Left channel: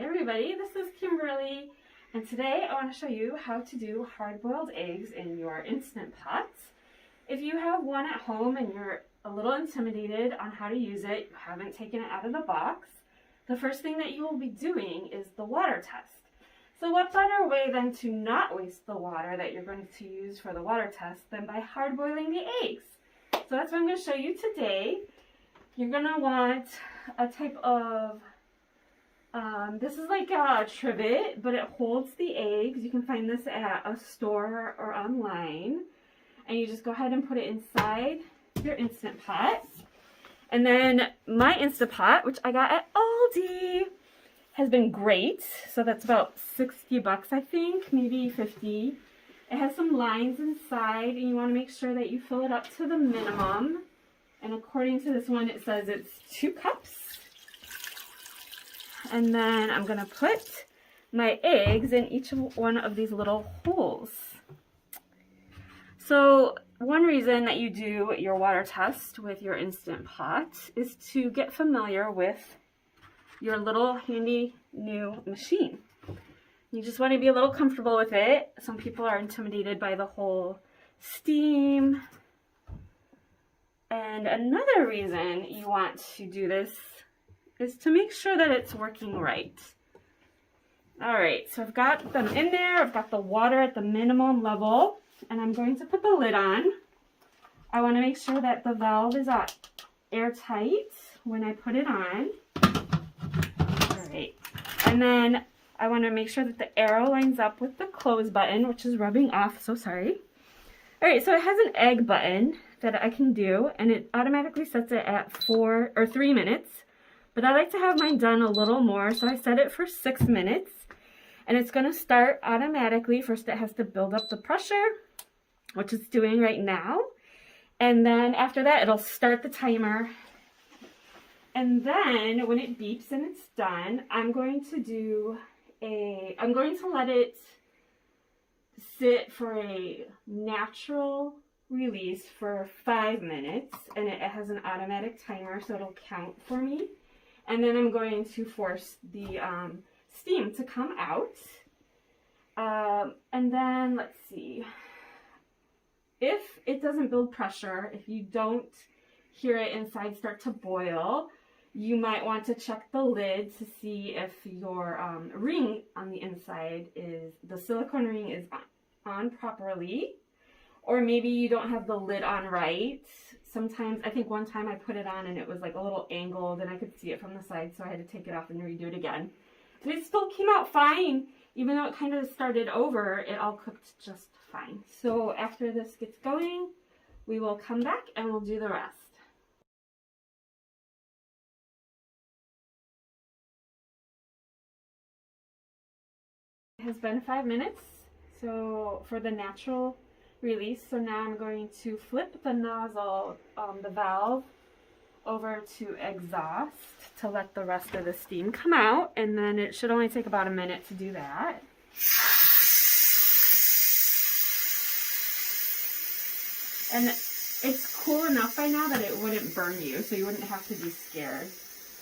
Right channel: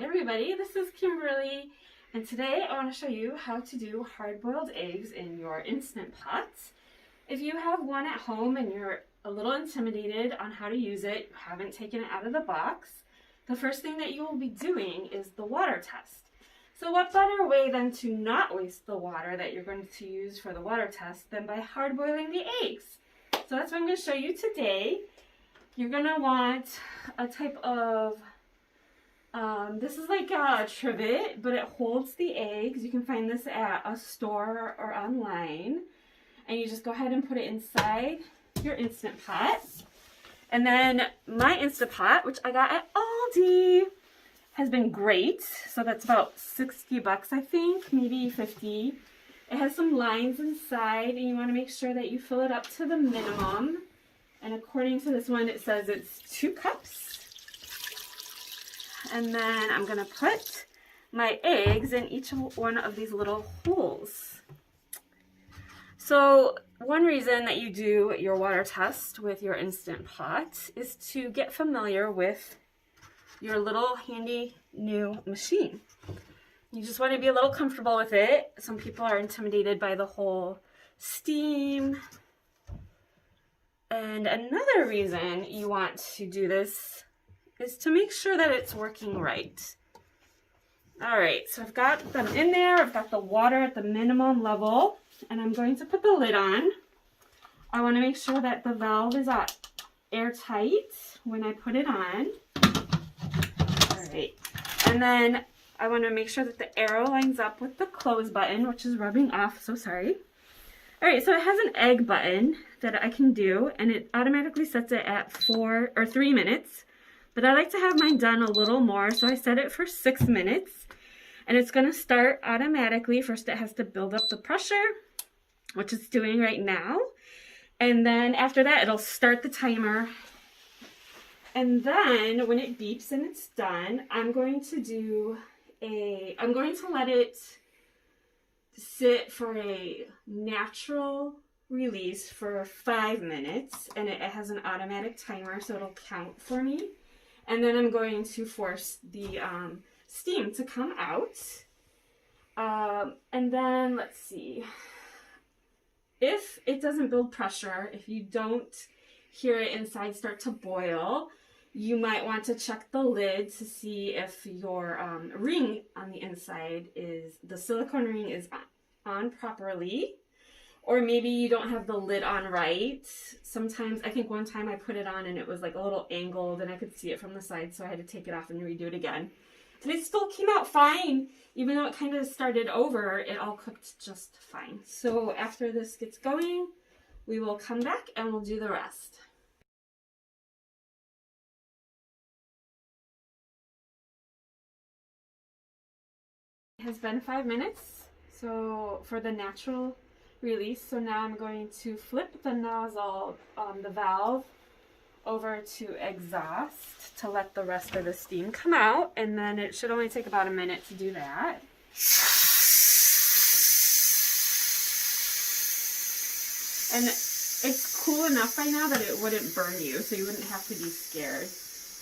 Hi everybody, this is Kimberly, and today I want to show you how to do hard-boiled eggs in your Instant Pot. If you have one at home and you're a little intimidated on how to use it, you haven't taken it out of the box, the first thing that you will be doing is the water test. So what better way than to not waste the water that you're going to use for the water test than by hard-boiling the eggs? So that's what I'm going to show you today. You're going to want a type of this is like a trivet, but it holds the eggs. You can find this at a store or online. And you just go ahead and put it inside your Instant Pot. And then my Instant Pot, which I got at Aldi, has been great. So that's about 60 bucks, I think, maybe 50. It has some lines inside, and you want to make sure that you fill it up to the minimum. And according to this one, it says it's 2 cups. And then I'm going to put my eggs in each one of these little holes. So one reason that you do your water test with your Instant Pot is to get familiar with your little handy new machine. You just want to be a little comfortable with it. Some people are intimidated by the whole steam. And another reason you want to do this is to make sure that it's working right. All right, so I've got them in there. I've got the water at the minimum level, and I'm going to put the lid on. I want to make sure that the valve is airtight when I put it on. All right, and then I want to make sure that the arrow lines up with the close button, which is rubbing off, so sorry. All right, so it has an egg button that I can do, and it automatically sets it at 3 minutes. But I like to have mine done a little more, so I set it for 6 minutes. And it's going to start automatically. First, it has to build up the pressure, which it's doing right now. And then after that, it'll start the timer. And then when it beeps and it's done, I'm going to let it sit for a natural release for 5 minutes. And it has an automatic timer, so it'll count for me. And then I'm going to force the steam to come out. And then, let's see. If it doesn't build pressure, if you don't hear it inside start to boil, you might want to check the lid to see if your ring on the inside the silicone ring is on properly. Or maybe you don't have the lid on right. Sometimes, I think one time I put it on and it was like a little angled and I could see it from the side, so I had to take it off and redo it again. And it still came out fine. Even though it kind of started over, it all cooked just fine. So after this gets going, we will come back and we'll do the rest. It has been 5 minutes, so for the natural release. So now I'm going to flip the nozzle, the valve, over to exhaust to let the rest of the steam come out, and then it should only take about a minute to do that. And it's cool enough by now that it wouldn't burn you, so you wouldn't have to be scared.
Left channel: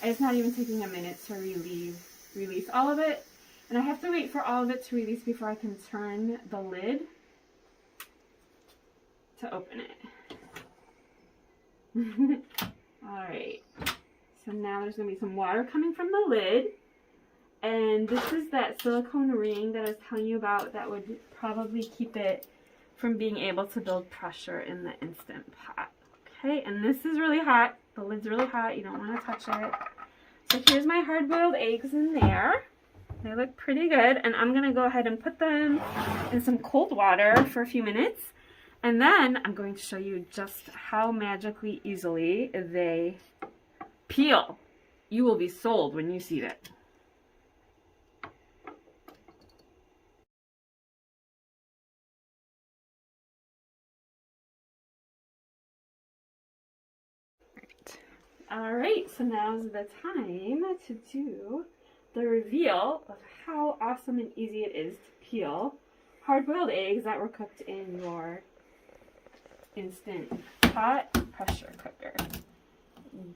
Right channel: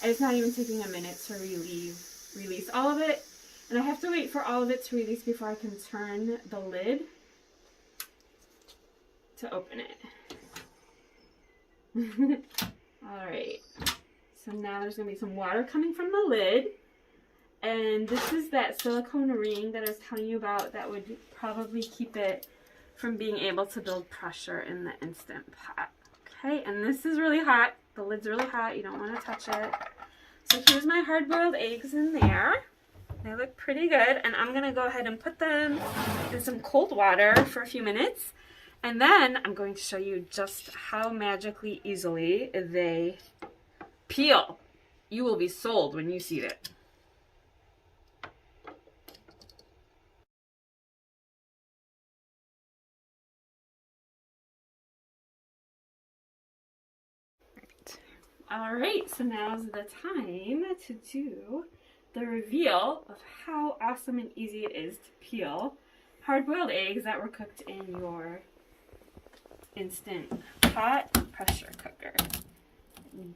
It's not even taking a minute to release all of it, and I have to wait for all of it to release before I can turn the lid to open it. Alright, so now there's going to be some water coming from the lid, and this is that silicone ring that I was telling you about that would probably keep it from being able to build pressure in the Instant Pot. Okay, and this is really hot. The lid's really hot. You don't want to touch it. So here's my hard-boiled eggs in there. They look pretty good, and I'm going to go ahead and put them in some cold water for a few minutes. And then I'm going to show you just how magically easily they peel. You will be sold when you see it. All right, so now's the time to do the reveal of how awesome and easy it is to peel hard-boiled eggs that were cooked in your Instant Pot pressure cooker.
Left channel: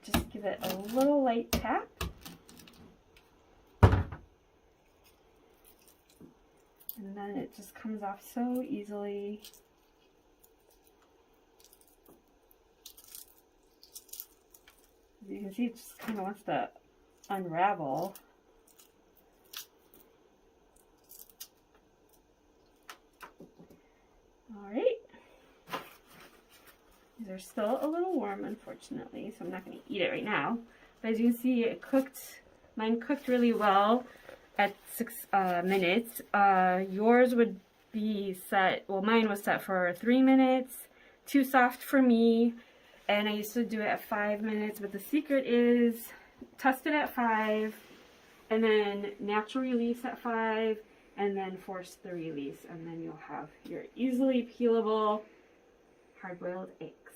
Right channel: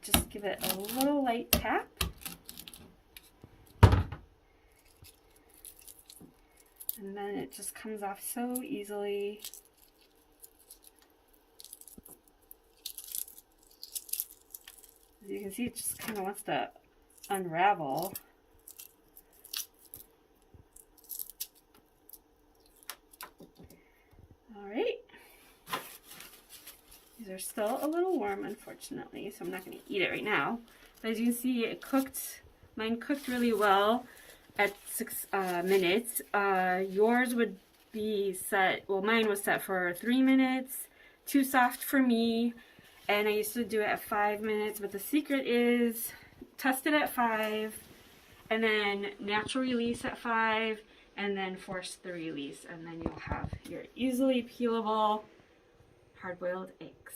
Just give it a little light tap. and then it just comes off so easily. As you can see, it just kind of wants to unravel. All right. These are still a little warm, unfortunately, so I'm not going to eat it right now. But as you can see, it cooked. Mine cooked really well at 6 minutes. Yours would be set, well, mine was set for 3 minutes. Too soft for me. And I used to do it at 5 minutes, but the secret is test it at 5, and then natural release at 5, and then force the release, and then you'll have your easily peelable hard-boiled eggs.